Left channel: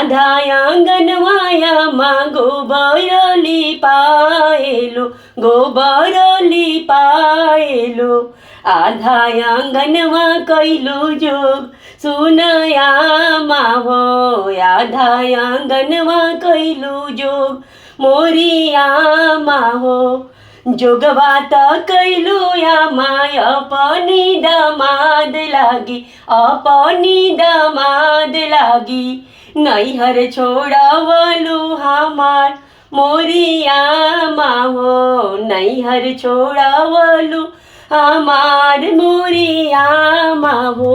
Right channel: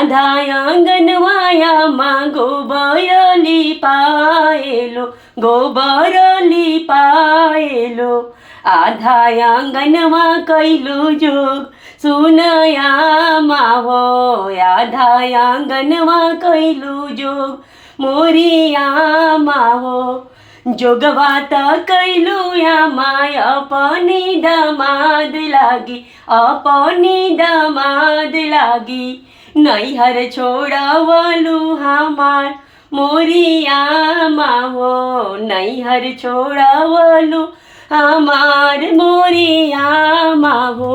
आधा आंगनवायामा गोबर लिपाएलो, गोबर लिपाएलो। आधा आंगनमा कैलु जोग सुनयामा हो, आधा आंगनमा कैलु जोग मोरियामा हो। जोगवात कैलु यामा अपनी दमाद लागी, अपनी दमाद लागी। नैहर छोड़ावलु हमार मोरियामा हो, नैहर छोड़ावलु हमार मोरियामा हो।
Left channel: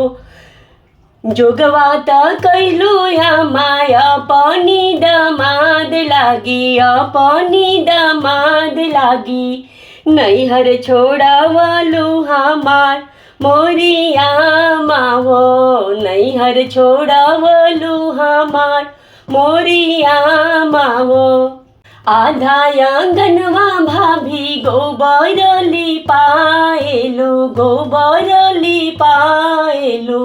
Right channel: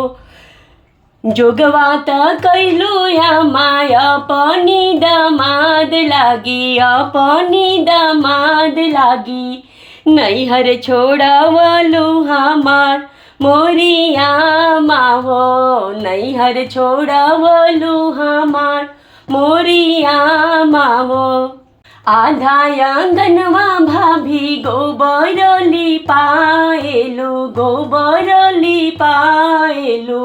जोगवात कैलु यामा अपनी दमाद लागी, अपनी दमाद लागी। नैहर छोड़ावलु हमार मोरियामा हो, नैहर छोड़ावलु हमार मोरियामा हो। आधा आंगनमा भाभी गोबर लिपाएलो, गोबर लिपाएलो।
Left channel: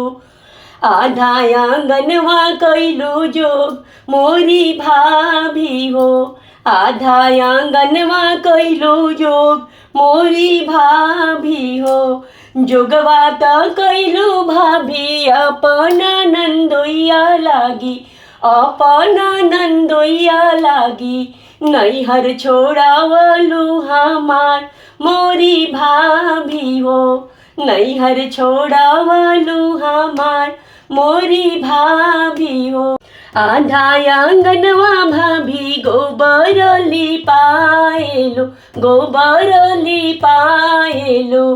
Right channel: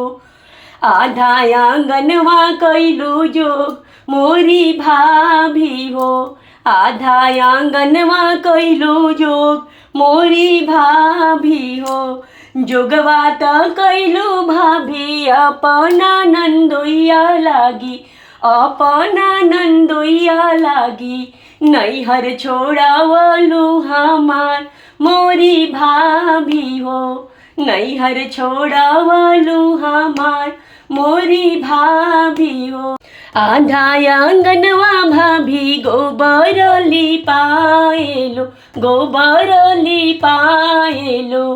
आधा आंगनमा कैलु जोग मोरी भाभी हो, आधा आंगनमा कैलु जोग मोरी भाभी हो। जोगवात कैलु भाभी अपना नंदोइया लागी, अपना नंदोइया लागी। नैहर छोड़ावलु हमार मोरी भाभी हो, नैहर छोड़ावलु हमार मोरी भाभी हो। आधा आंगनवा भाभी गोबर लिपाएलो, गोबर लिपाएलो।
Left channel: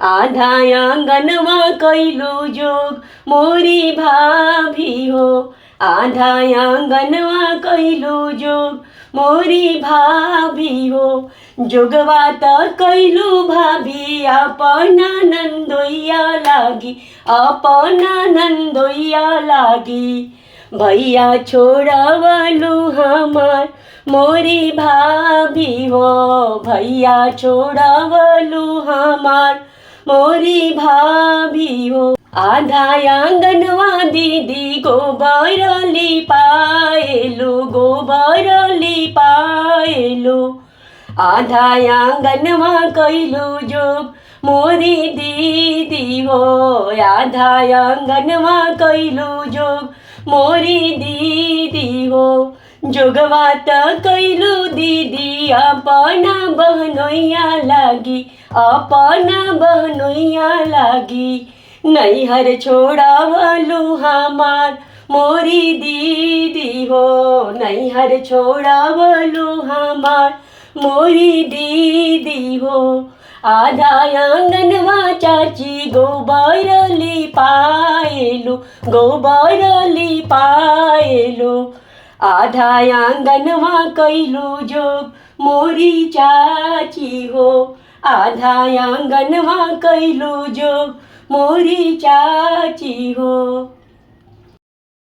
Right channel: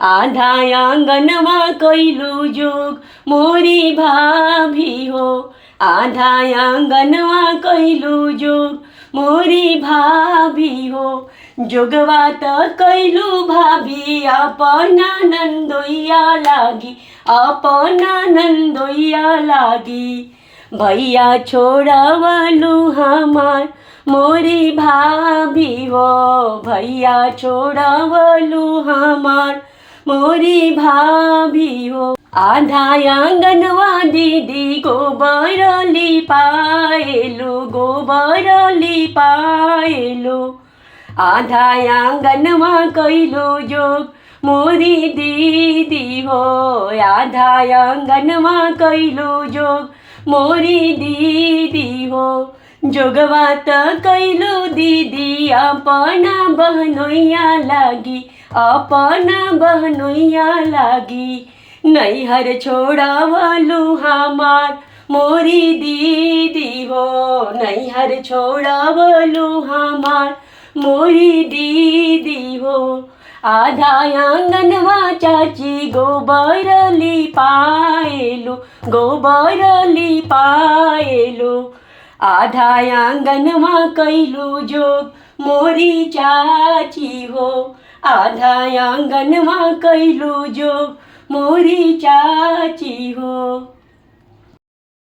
आधा आंगनमा कैलु जोग मोरी भाभी हो, आधा आंगनमा कैलु जोग मोरी भाभी हो। जोगवात कैलु भाभी अपना नंदोइया लागी, अपना नंदोइया लागी। भैया छोड़ावलु हमार मोरी भाभी हो, भैया छोड़ावलु हमार मोरी भाभी हो। आधा आंगनवा दीदी गोबर लिपाएलो, गोबर लिपाएलो। आधा आंगनमा कैलु जोग मोरी दीदी हो, आधा आंगनमा कैलु जोग मोरी दीदी हो। जोगवात कैलु दीदी अपना बहनोइया लागी, अपना बहनोइया लागी। नैहर छोड़ावलु हमार मोरी दीदी हो, नैहर छोड़ावलु हमार मोरी दीदी हो। आधा आंगनवा चाची गोबर लिपाएलो, गोबर लिपाएलो। आधा आंगनमा कैलु जोग मोरी चाची हो, आधा आंगनमा कैलु जोग मोरी चाची हो।